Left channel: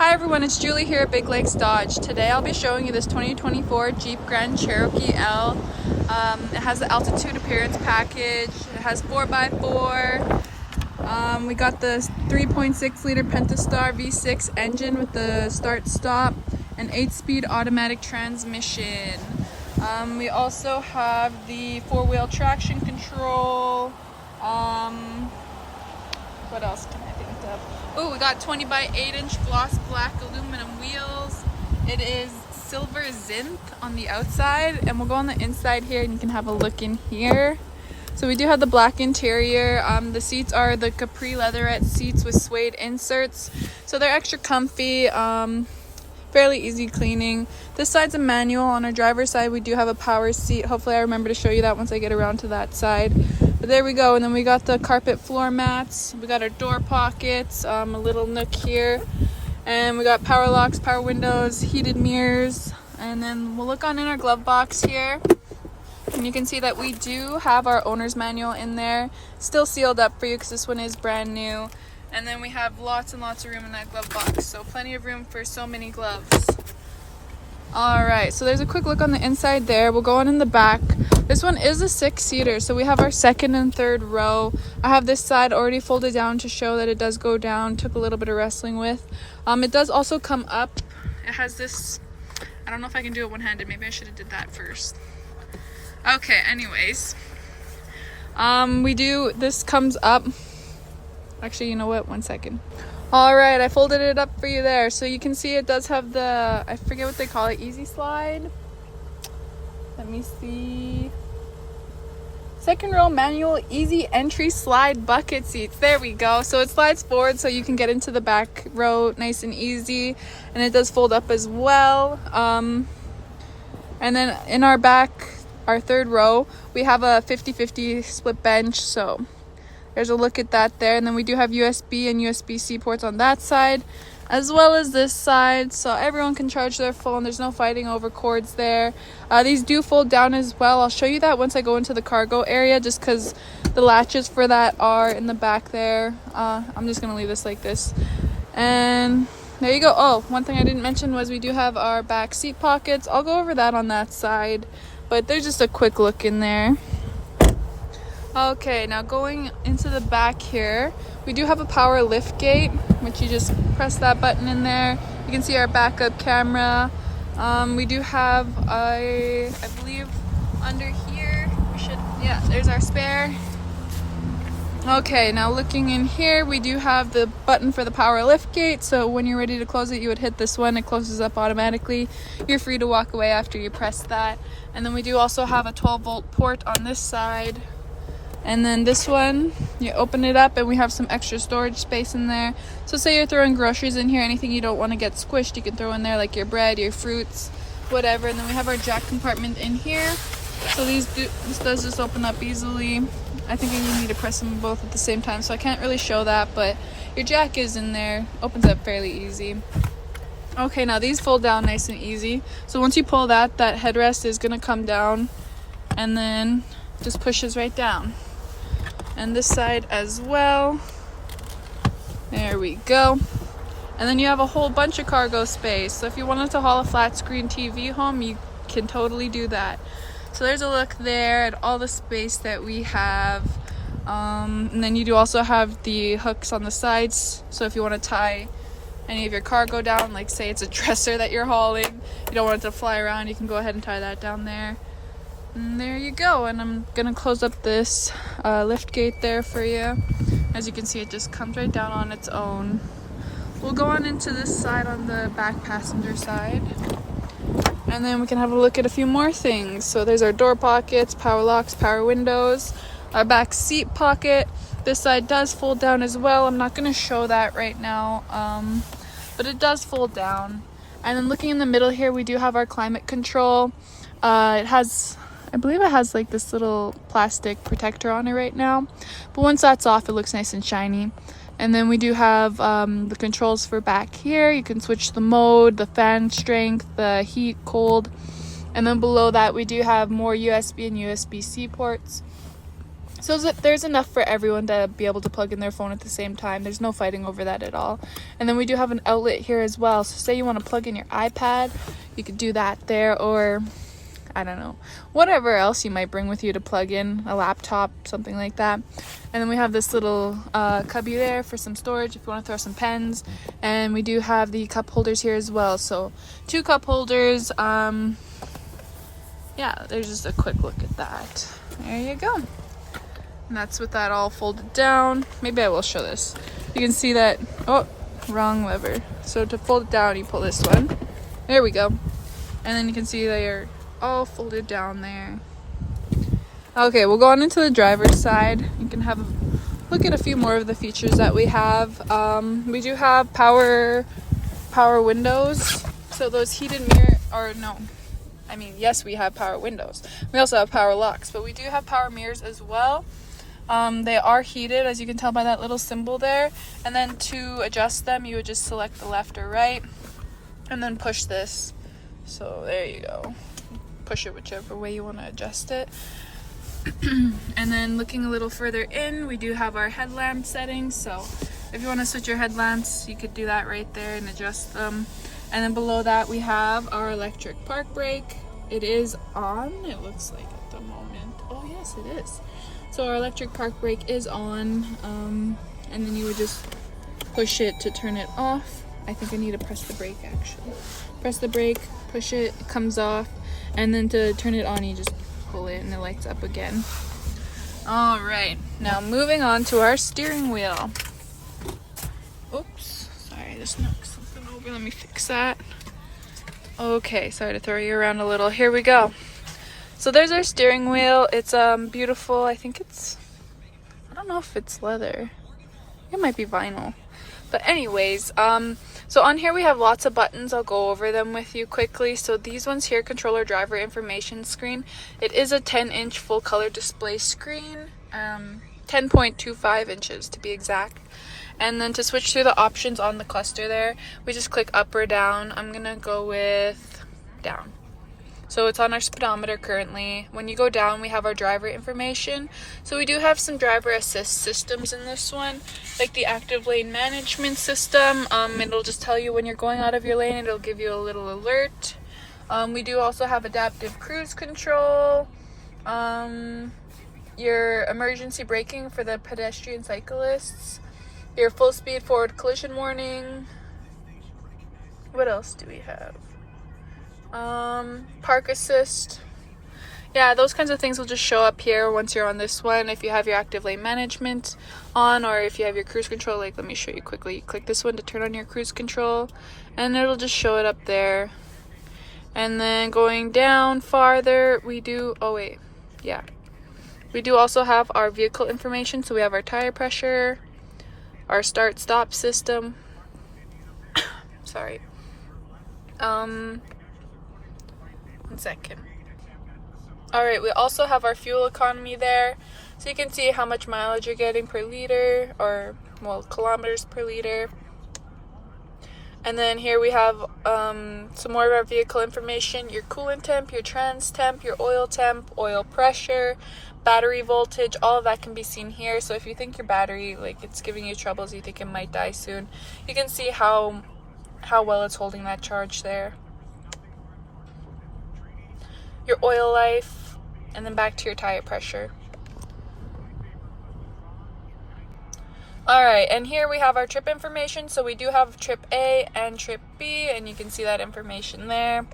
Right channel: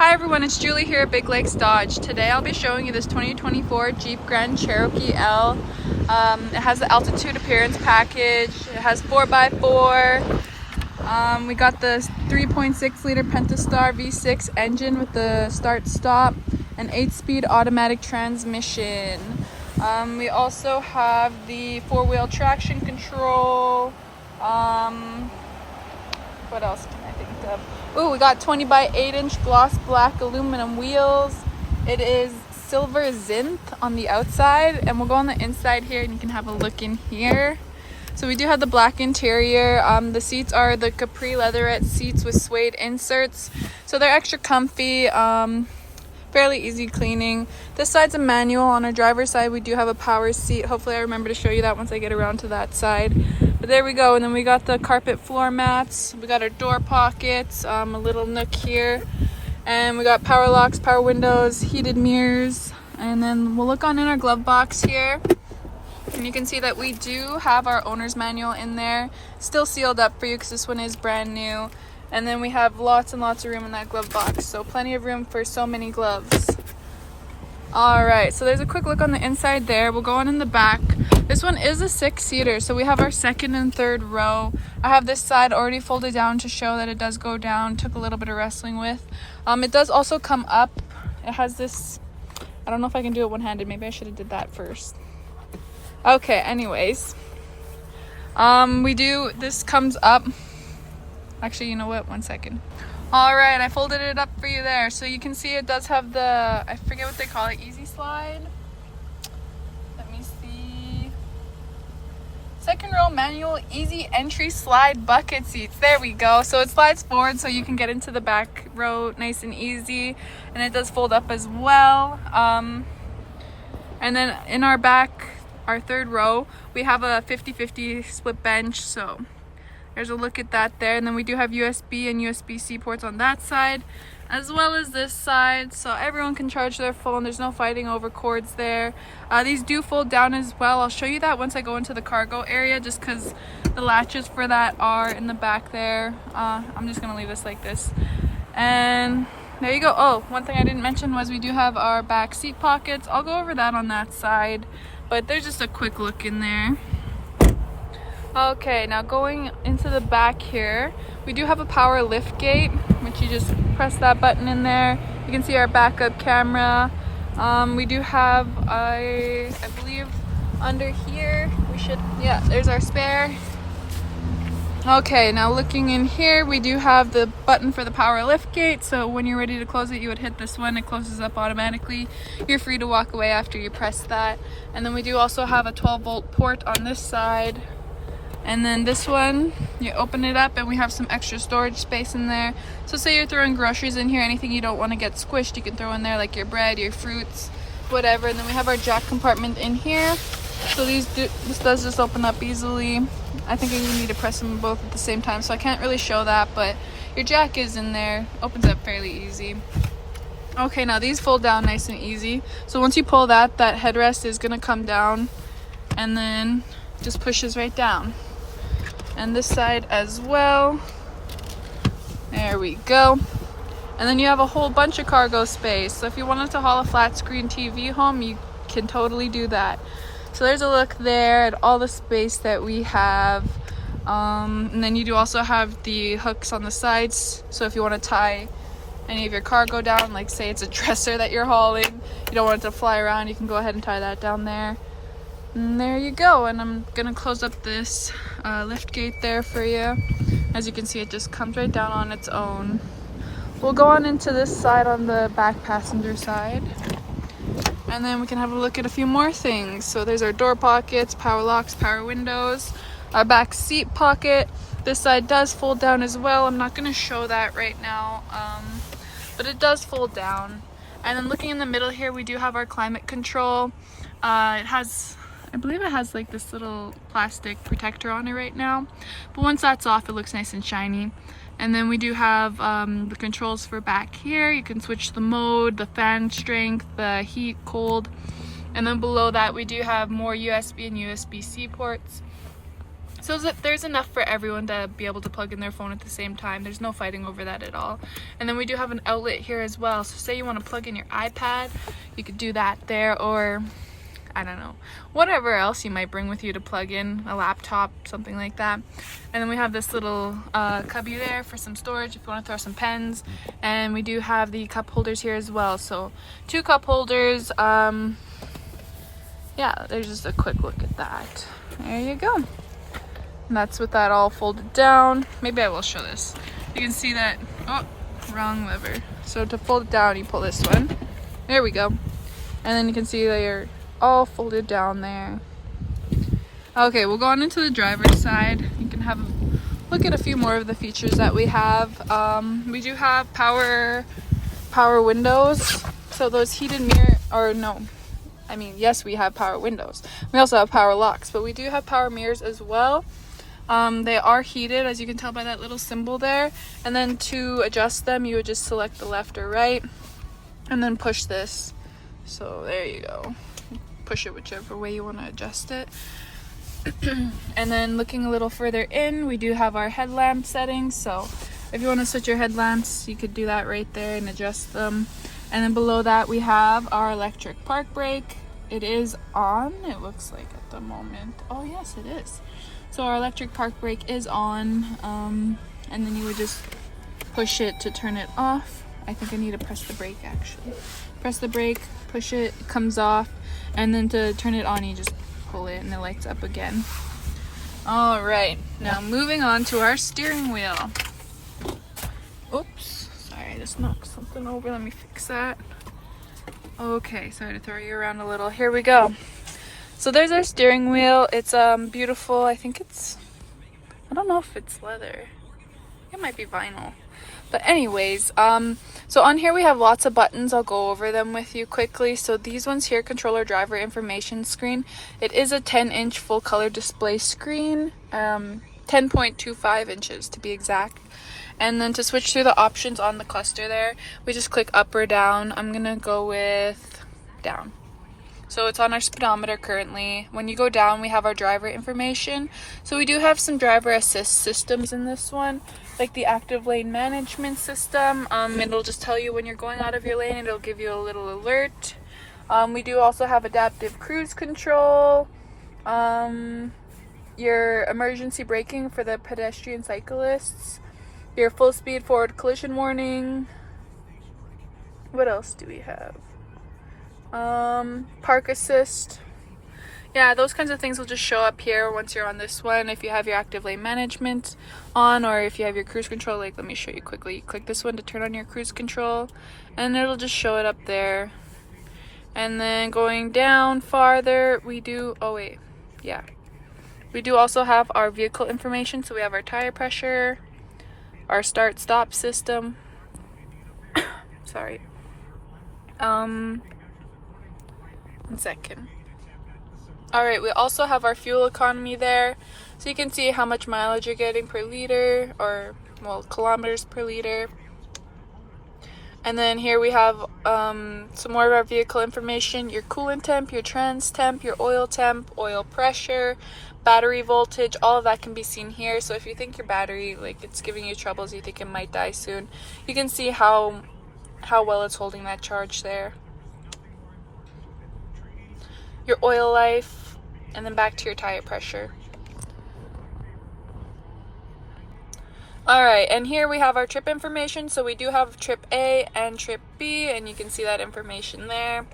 Hi everyone, it's Julie here at Big Lakes Dodge. Today I'll be showing you this 2024 Jeep Grand Cherokee L. It has the altitude appearance package. It has 4x4. We got the 3.6 liter Pentastar V6 engine with the start stop and 8-speed automatic transmission. We also have the 4-wheel traction control. What else can I think of? Oh, we got 20 by 8-inch gloss black aluminum wheels. It is silver zinc on the outside, and we'll go on the inside here and you can have a look in here. So we do have the black interior. The seats are the capri leatherette seats with suede inserts, so they're extra comfy, fairly easy cleaning. This side's a manual. On our driver's side we do have a power seat. Hopefully I remember to show you that once I get around to that side. But there we go. And then we got the carpet floor mats. We got our door pockets, a little nook here. And we got power locks, power windows, heated mirrors. And then we'll look on in our glove box here. And you can see that we do have our owner's manual in there. Still sealed up for you because this one is brand new. And then we have lots and lots of room in that glove box. So plenty of room for so many gloves. Alright, so there's a quick look on the inside there. We'll go on in the back. This one is a 6-seater, so we have our second and third row. I have this side already folded down to show that it does go down. Took a little bit of wrestling with. It does also come up. It has this, I don't know if I can do it one-handed. Maybe I should have did that first. Okay, anyways. This comes up. Actually, you know what? One second. Alright, I folded it up for you there. So you can see it does have the, I forget what they call it, easy slide. Let me see. Second row manual easy entry slide bucket seats. There we go. So it slides forward so you can get into the back row nice and easy. And it does fold up as well. And then in our back, our third row, we have a 50-50 split bench. So there's a look at that there. And then we do have USB and USB-C ports on that side, as well as this side, so everyone can charge their phone. There's no fighting over cords there. These do fold down as well. I'll show you that once I go into the cargo area, just because the latches for that are in the back there. I'm just gonna leave this like this. And there you go. Oh, one thing I didn't mention was we do have our back seat pockets. I'll go over that on that side, but there's just a quick look in there. Okay, now going into the back here, we do have a power lift gate, which you just press that button in there. You can see our backup camera. We do have, I believe under here, there's our spare. Okay, now looking in here, we do have the button for the power lift gate. So when you're ready to close it, you would hit this one. It closes up automatically. You're free to walk away after you press that. And then we do also have a 12-volt port on this side. And then this one, you open it up and we have some extra storage space in there. So say you're throwing groceries in here, anything you don't want to get squished, you can throw in there, like your bread, your fruits, whatever. And then we have our jack compartment in here. So this does just open up easily. I think you need to press them both at the same time, so I can't really show that, but your jack is in there. Opens up fairly easy. Okay, now these fold down nice and easy. So once you pull that headrest is going to come down and then just pushes right down. And this side as well. There we go. And then you have a whole bunch of cargo space. So if you wanted to haul a flat screen TV home, you can totally do that. So there's a look there at all the space that we have. And then you do also have the hooks on the sides. So if you want to tie any of your cargo down, like say it's a dresser that you're hauling, you don't want it to fly around, you can go ahead and tie that down there. And there you go. And I'm gonna close up this lift gate there for you. As you can see, it just comes right down on its own. We'll go on into this side on the back passenger side, and then we can have a look at a few more things. So there's our door pockets, power locks, power windows, our back seat pocket. This side does fold down as well. I'm not gonna show that right now, but it does fold down. And then looking in the middle here, we do have our climate control. I believe it has like this little plastic protector on it right now, but once that's off, it looks nice and shiny. And then we do have the controls for back here. You can switch the mode, the fan strength, the heat, cold. And then below that, we do have more USB and USB-C ports. So So there's enough for everyone to be able to plug in their phone at the same time. There's no fighting over that at all. And then we do have an outlet here as well. So say you want to plug in your iPad, you could do that there, or I don't know, whatever else you might bring with you to plug in, a laptop, something like that. And then we have this little cubby there for some storage if you want to throw some pens. And we do have the cup holders here as well. So 2 cup holders. Yeah, there's just a quick look at that. There you go. And that's with that all folded down. Maybe I will show this. You can see that, oh, wrong lever. So to fold it down, you pull this one. There we go. And then you can see they're all folded down there. Okay, we'll go on into the driver's side. You can have a look at a few more of the features that we have. We do have power windows. So those heated mirror, or no, I mean, yes, we have power windows. We also have power locks, but we do have power mirrors as well. They are heated, as you can tell by that little symbol there. And then to adjust them, you would just select the left or right and then push this. So there you go. Push it whichever way you want to adjust it. And then looking a little further in, we do have our headlamp settings. So if you want to switch your headlamps, you could do that right there and adjust them. And then below that, we have our electric park brake. It is on, it looks like at the moment. Oh yes, it is. So our electric park brake is on, and then you would just push it to turn it off. I think I need to press the brake actually. Press the brake, push it, it comes off, and then to turn it on, you just pull it and it lights up again. All right, now moving on to our steering wheel. Oops, sorry, I just knocked something over. Let me fix that. Okay, sorry to throw you around a little. Here we go. So there's our steering wheel. It's beautiful. I think it's, I don't know if it's leather. It might be vinyl. But anyways, so on here we have lots of buttons. I'll go over them with you quickly. So these ones here control our driver information screen. It is a 10-inch full color display screen, 10.25 inches to be exact. And then to switch through the options on the cluster there, we just click up or down. I'm gonna go with down. So it's on our speedometer currently. When you go down, we have our driver information. So we do have some driver assist systems in this one, like the active lane management system. It'll just tell you when you're going out of your lane, and it'll give you a little alert. We do also have adaptive cruise control, your emergency braking for the pedestrian cyclists, your full speed forward collision warning. What else do we have? Park assist. Yeah, those kinds of things will just show up here once you're on this one. If you have your active lane management on, or if you have your cruise control, like let me show you quickly. Click this one to turn on your cruise control, and it'll just show it up there. And then going down farther, we do, oh wait, yeah. We do also have our vehicle information. So we have our tire pressure, our start stop system. Sorry. 1 second. All right, we also have our fuel economy there. So you can see how much mileage you're getting per liter, or well, kilometers per liter. And then here we have some more of our vehicle information, your coolant temp, your trans temp, your oil temp, oil pressure, battery voltage, all of that can be seen here. So if you think your battery, like it's giving you troubles, you think it might die soon, you can see how well it's holding that charge there. Your oil life, and then back to your tire pressure. Alright, and here we have our trip information. So we do have trip A and trip B, and you can see that information there. And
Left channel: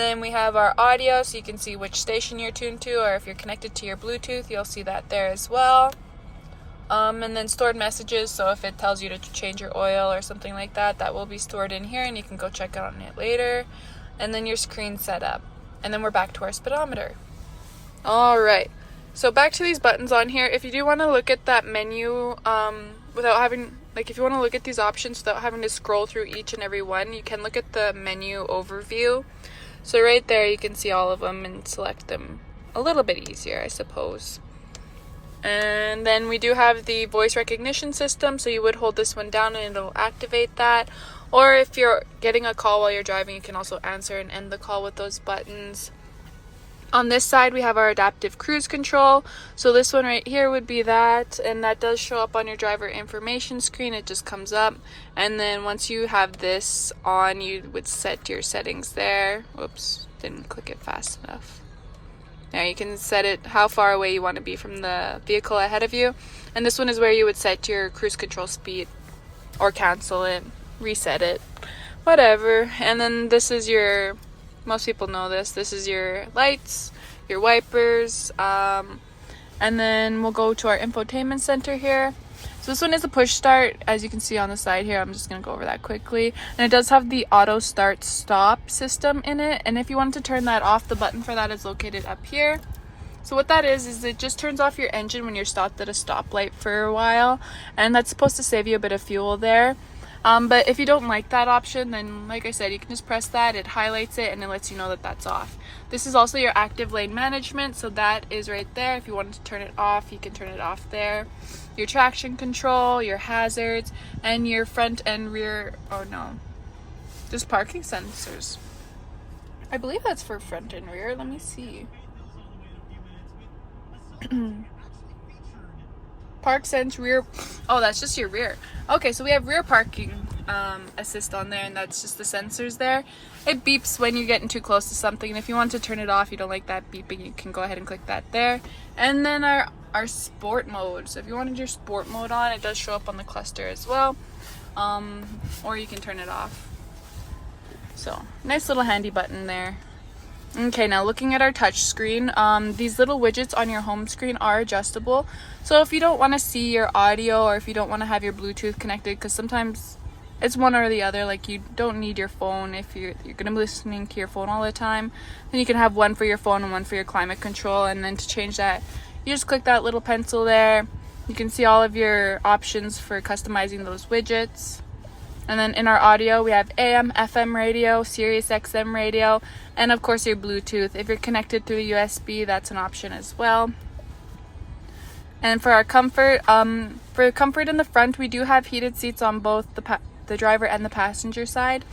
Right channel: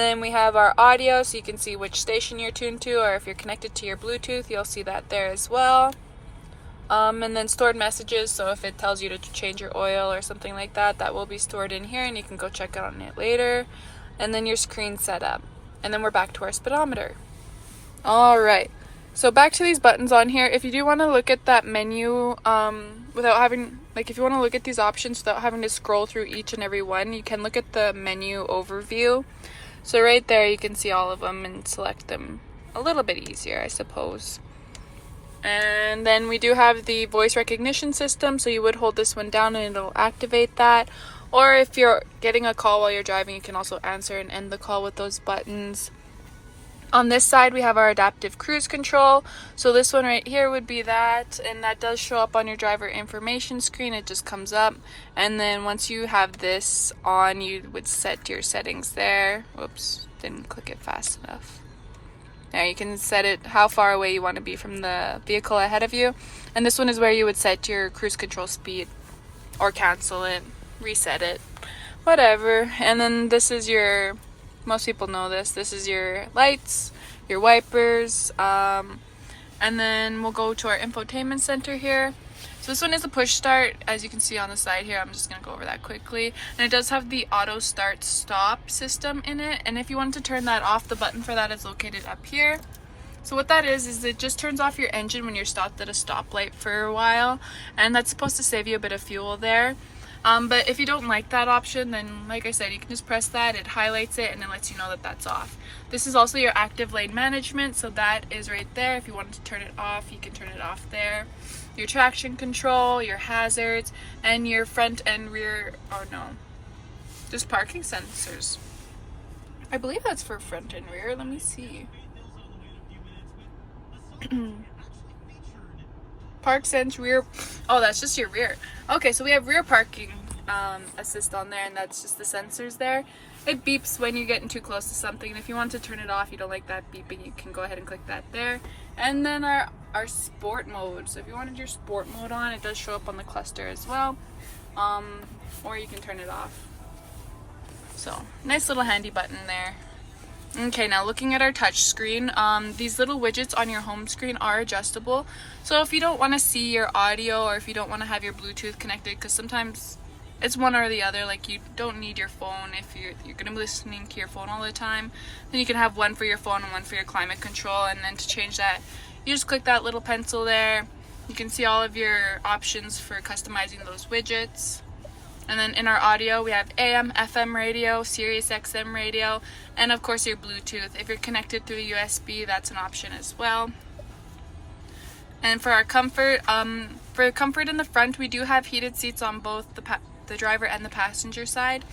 then we have our audio, so you can see which station you're tuned to, or if you're connected to your Bluetooth, you'll see that there as well. And then stored messages, so if it tells you to change your oil or something like that, that will be stored in here, and you can go check on it later. And then your screen setup. And then we're back to our speedometer. Alright, so back to these buttons on here. If you do want to look at that menu without having, like if you want to look at these options without having to scroll through each and every one, you can look at the menu overview. So right there you can see all of them and select them a little bit easier, I suppose. And then we do have the voice recognition system, so you would hold this one down and it'll activate that. Or if you're getting a call while you're driving, you can also answer and end the call with those buttons. On this side, we have our adaptive cruise control. So this one right here would be that, and that does show up on your driver information screen. It just comes up, and then once you have this on, you would set your settings there. Whoops, didn't click it fast enough. Now you can set it how far away you want to be from the vehicle ahead of you. And this one is where you would set your cruise control speed, or cancel it, reset it, whatever. And then this is your, most people know this is your lights, your wipers, and then we'll go to our infotainment center here. So this one is a push start, as you can see on the side here. I'm just going to go over that quickly. And it does have the auto start stop system in it, and if you wanted to turn that off, the button for that is located up here. So what that is it just turns off your engine when you're stopped at a stoplight for a while, and that's supposed to save you a bit of fuel there. But if you don't like that option, then like I said, you can just press that, it highlights it, and it lets you know that that's off. This is also your active lane management, so that is right there. If you wanted to turn it off, you can turn it off there. Your traction control, your hazards, and your front and rear, oh no, just parking sensors. I believe that's for front and rear, let me see. Park sense rear, oh that's just your rear. Okay, so we have rear parking assist on there, and that's just the sensors there. It beeps when you're getting too close to something, and if you want to turn it off, you don't like that beeping, you can go ahead and click that there. And then our sport mode, so if you wanted your sport mode on, it does show up on the cluster as well, or you can turn it off. So nice little handy button there. Okay, now looking at our touch screen, these little widgets on your home screen are adjustable. So if you don't want to see your audio, or if you don't want to have your Bluetooth connected, because sometimes it's one or the other, like you don't need your phone if you're going to be listening to your phone all the time, then you can have one for your phone and one for your climate control. And then to change that, you just click that little pencil there. You can see all of your options for customizing those widgets. And then in our audio, we have AM, FM radio, SiriusXM radio, and of course your Bluetooth. If you're connected through the USB, that's an option as well. And for our comfort, in the front, we do have heated seats on both the driver and the passenger side.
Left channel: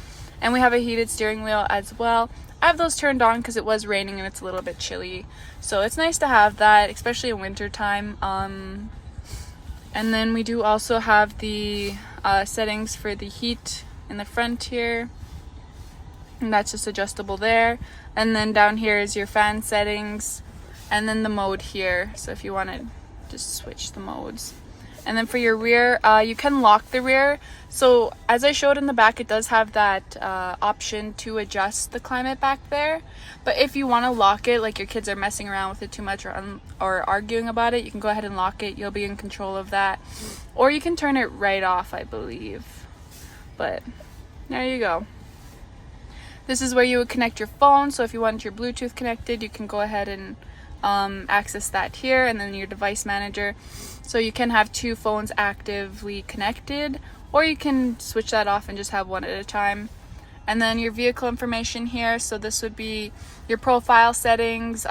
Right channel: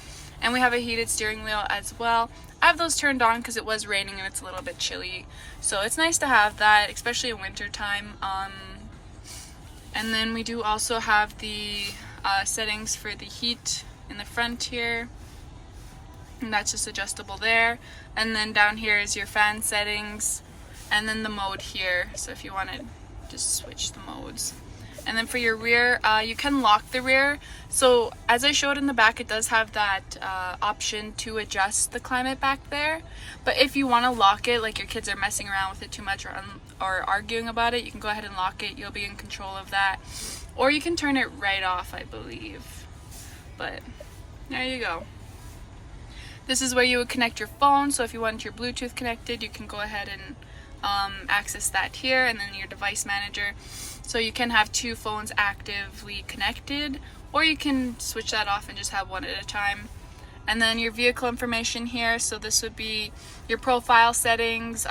And we have a heated steering wheel as well. I have those turned on because it was raining and it's a little bit chilly. So it's nice to have that, especially in winter time. And then we do also have the settings for the heat in the front here, and that's just adjustable there. And then down here is your fan settings, and then the mode here, so if you want to just switch the modes. And then for your rear, you can lock the rear. So as I showed in the back, it does have that option to adjust the climate back there. But if you want to lock it, like your kids are messing around with it too much or arguing about it, you can go ahead and lock it. You'll be in control of that. Or you can turn it right off, I believe. But there you go. This is where you would connect your phone. So if you want your Bluetooth connected, you can go ahead and access that here. And then your device manager. So you can have two phones actively connected, or you can switch that off and just have one at a time. And then your vehicle information here. So this would be your profile settings.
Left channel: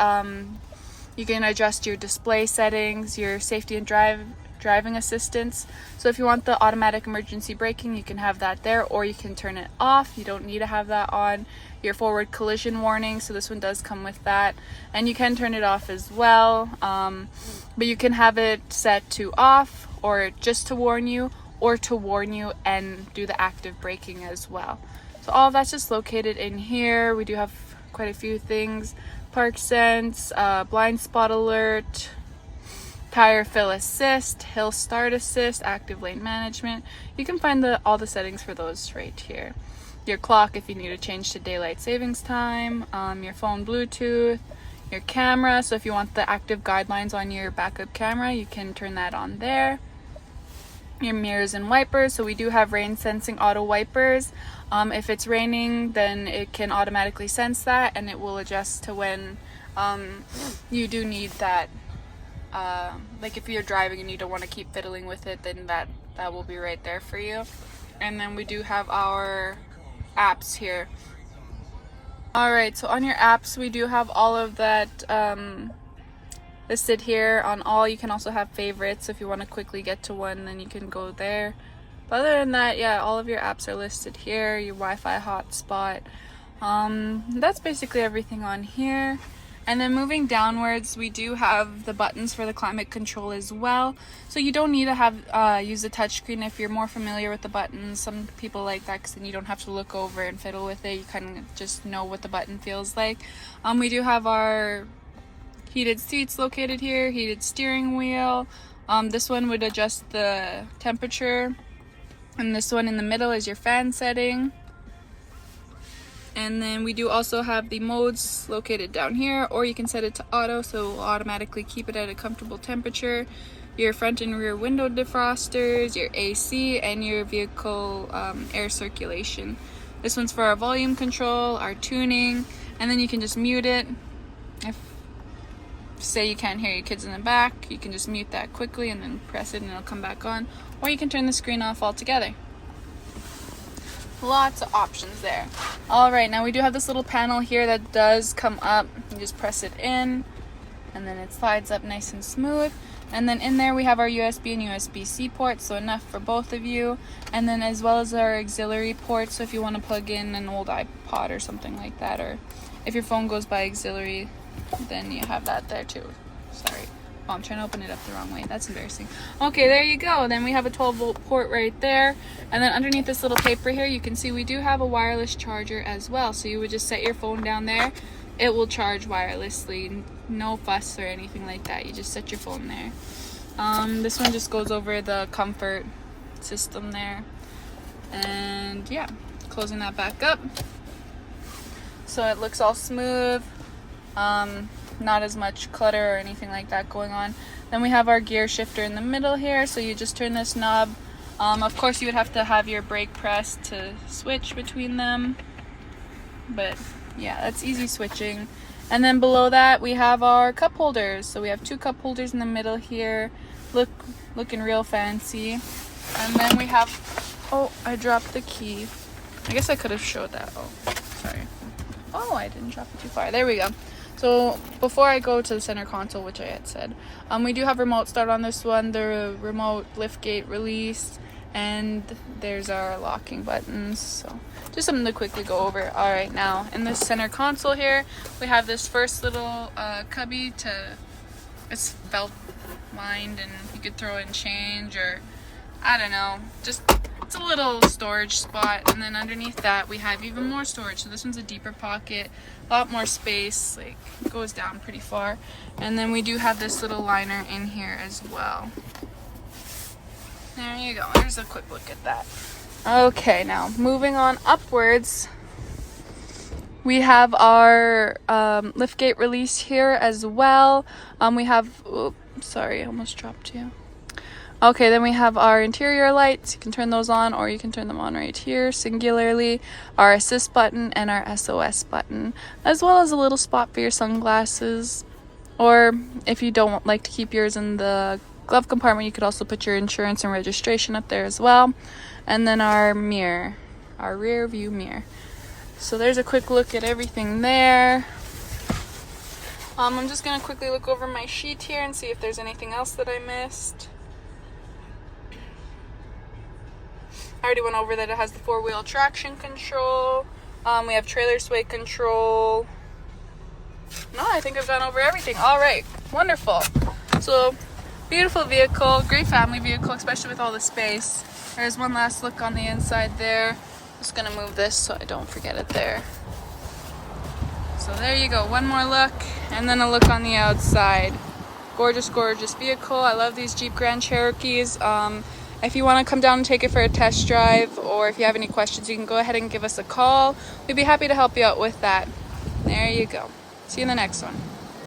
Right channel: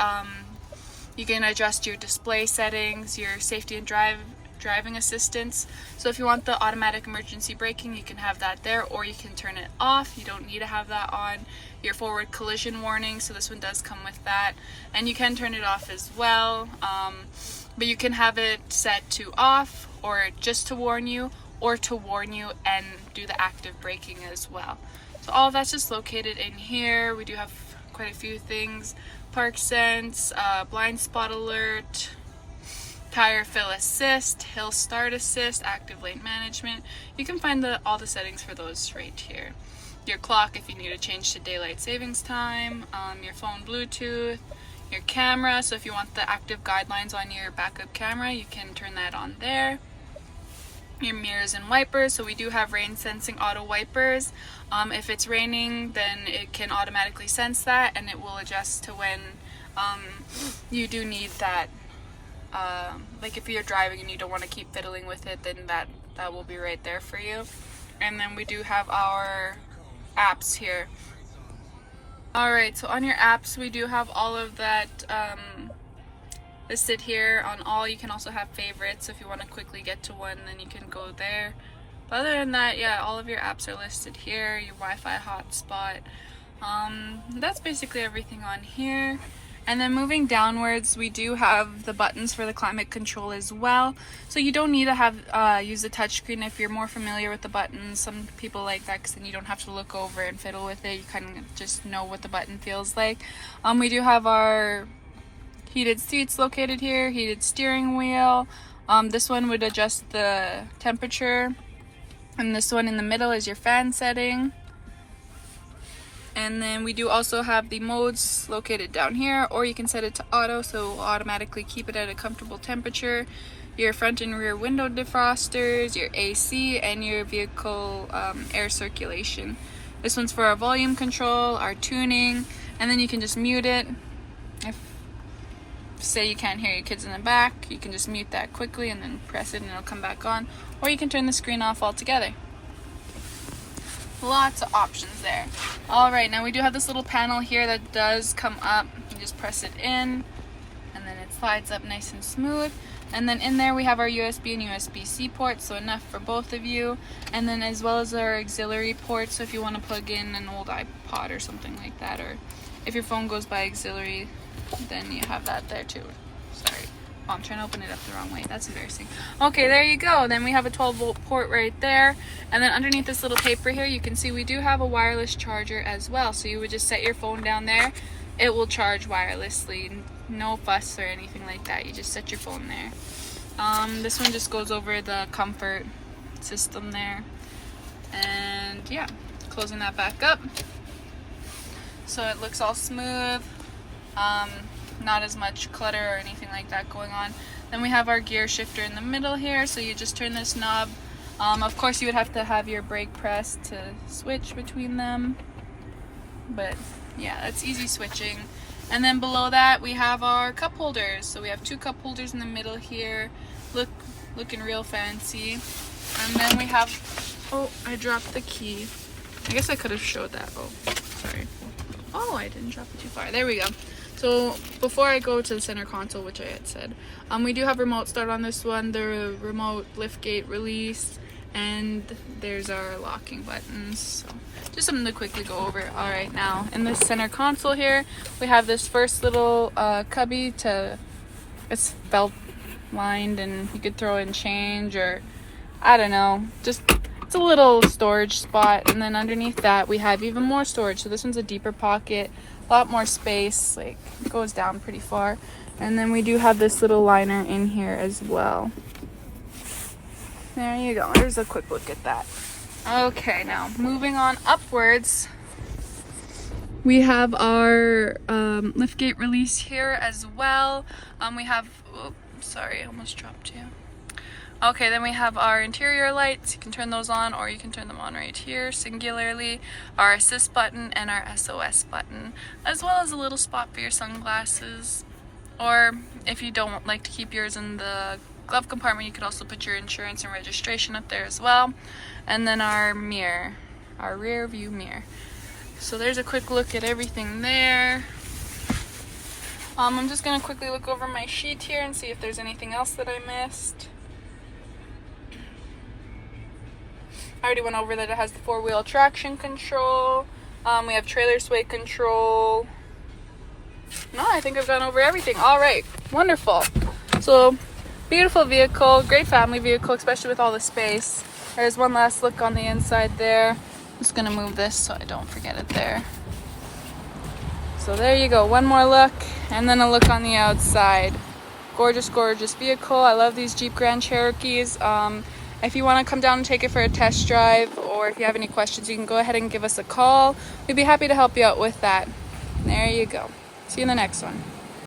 You can adjust your display settings, your safety and driving assistance. So if you want the automatic emergency braking, you can have that there, or you can turn it off. You don't need to have that on. Your forward collision warning, so this one does come with that, and you can turn it off as well. But you can have it set to off, or just to warn you, or to warn you and do the active braking as well. So all of that's just located in here. We do have quite a few things: park sense, blind spot alert, tire fill assist, hill start assist, active lane management. You can find all the settings for those right here. Your clock if you need to change to daylight savings time, your phone Bluetooth, your camera, so if you want the active guidelines on your backup camera, you can turn that on there. Your mirrors and wipers, so we do have rain sensing auto wipers. If it's raining, then it can automatically sense that, and it will adjust to when you do need that. Like if you're driving and you don't want to keep fiddling with it, then that will be right there for you. And then we do have our apps here. Alright, so on your apps we do have all of that listed here on all. You can also have favorites. If you want to quickly get to one, then you can go there. But other than that, yeah, all of your apps are listed here. Your Wi-Fi hotspot. That's basically everything on here. And then moving downwards, we do have the buttons for the climate control as well. So you don't need to have use the touchscreen if you're more familiar with the buttons. Some people like that because then you don't have to look over and fiddle with it. You kind of just know what the button feels like. We do have our heated seats located here, heated steering wheel. This one would adjust the temperature. And this one in the middle is your fan setting. And then we do also have the modes located down here, or you can set it to auto, so it will automatically keep it at a comfortable temperature. Your front and rear window defrosters, your AC, and your vehicle air circulation. This one's for our volume control, our tuning, and then you can just mute it. If say you can't hear your kids in the back, you can just mute that quickly and then press it and it'll come back on, or you can turn the screen off altogether. Lots of options there. Alright, now we do have this little panel here that does come up. You just press it in and then it slides up nice and smooth. And then in there we have our USB and USB-C ports, so enough for both of you. And then as well as our auxiliary ports, so if you want to plug in an old iPod or something like that, or if your phone goes by auxiliary, then you have that there too. Sorry. Oh, I'm trying to open it up the wrong way. That's embarrassing. Okay, there you go. Then we have a 12-volt port right there. And then underneath this little paper here, you can see we do have a wireless charger as well. So you would just set your phone down there. It will charge wirelessly. No fuss or anything like that. You just set your phone there. This one just goes over the comfort system there. And yeah, closing that back up. So it looks all smooth. Not as much clutter or anything like that going on. Then we have our gear shifter in the middle here, so you just turn this knob. Of course you would have to have your brake pressed to switch between them, but yeah, that's easy switching. And then below that we have our cup holders, so we have 2 cup holders in the middle here, looking real fancy. And then we have, oh, I dropped the key. I guess I could have showed that. Oh, sorry. Oh, I didn't drop it too far. There we go. So before I go to the center console, which I had said, we do have remote start on this one, the remote liftgate release, and there's our locking buttons. So just something to quickly go over. All right, now in this center console here, we have this first little cubby it's belt lined, and you could throw in change, or I don't know, just it's a little storage spot. And then underneath that we have even more storage. So this one's a deeper pocket. A lot more space, like it goes down pretty far. And then we do have this little liner in here as well. There you go, there's a quick look at that. Okay, now moving on upwards, we have our liftgate release here as well. We have, oops, sorry, I almost dropped you. Okay, then we have our interior lights. You can turn those on, or you can turn them on right here singularly. Our assist button and our SOS button, as well as a little spot for your sunglasses. Or if you don't like to keep yours in the glove compartment, you could also put your insurance and registration up there as well. And then our mirror, our rear view mirror. So there's a quick look at everything there. I'm just gonna quickly look over my sheet here and see if there's anything else that I missed. I already went over that it has the 4-wheel traction control. We have trailer sway control. No, I think I've gone over everything. All right, wonderful. So, beautiful vehicle, great family vehicle, especially with all the space. There's one last look on the inside there. I'm just gonna move this so I don't forget it there. So there you go, one more look, and then a look on the outside. Gorgeous, gorgeous vehicle. I love these Jeep Grand Cherokees. If you want to come down and take it for a test drive, or if you have any questions, you can go ahead and give us a call. We'd be happy to help you out with that. There you go. See you in the next one.